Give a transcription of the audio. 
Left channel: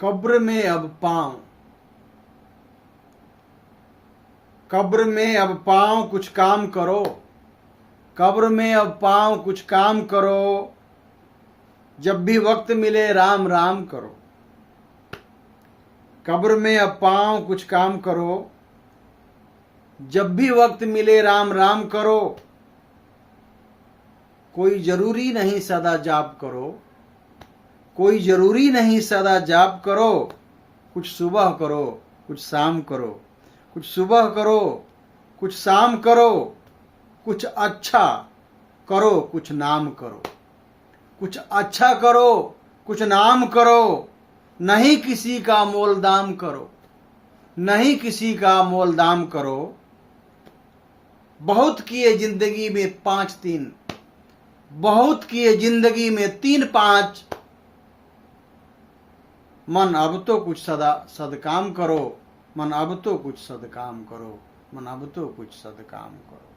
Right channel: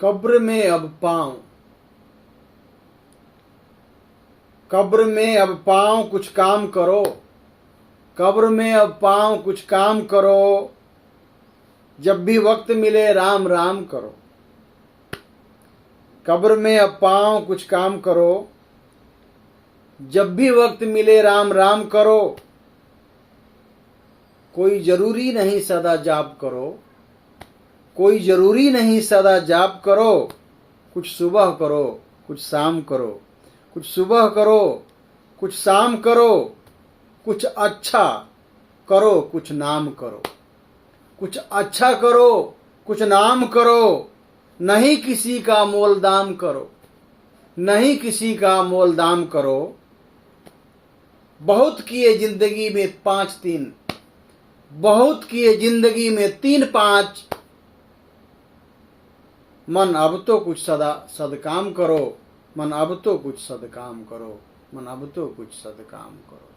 कब्र में अब पांव, कब्र में अब पांव कुछ काम करो, कब्र में अब पांव कुछ काम करो, जब भी वक्त मिले राम राम करो। कब्र में अब पांव कुछ काम करो, जब भी वक्त मिले राम राम करो। कोई जरूरी नहीं सदा जाप करो, कोई जरूरी नहीं सदा जाप करो। कुछ सुबह करो कुछ शाम करो, कुछ सुबह करो कुछ शाम करो। कुछ अच्छा करो कुछ नाम करो, कुछ अच्छा करो कुछ नाम करो। नहीं किसी का मोल दाम करो, नहीं किसी का मोल दाम करो। बहुत किए जिंदगी में 5-3, बहुत किए जिंदगी में 3-5। मन अब तो कुछ सदकाम करो, मन अब तो कुछ सदकाम करो, मन अब तो कुछ सदकाम करो।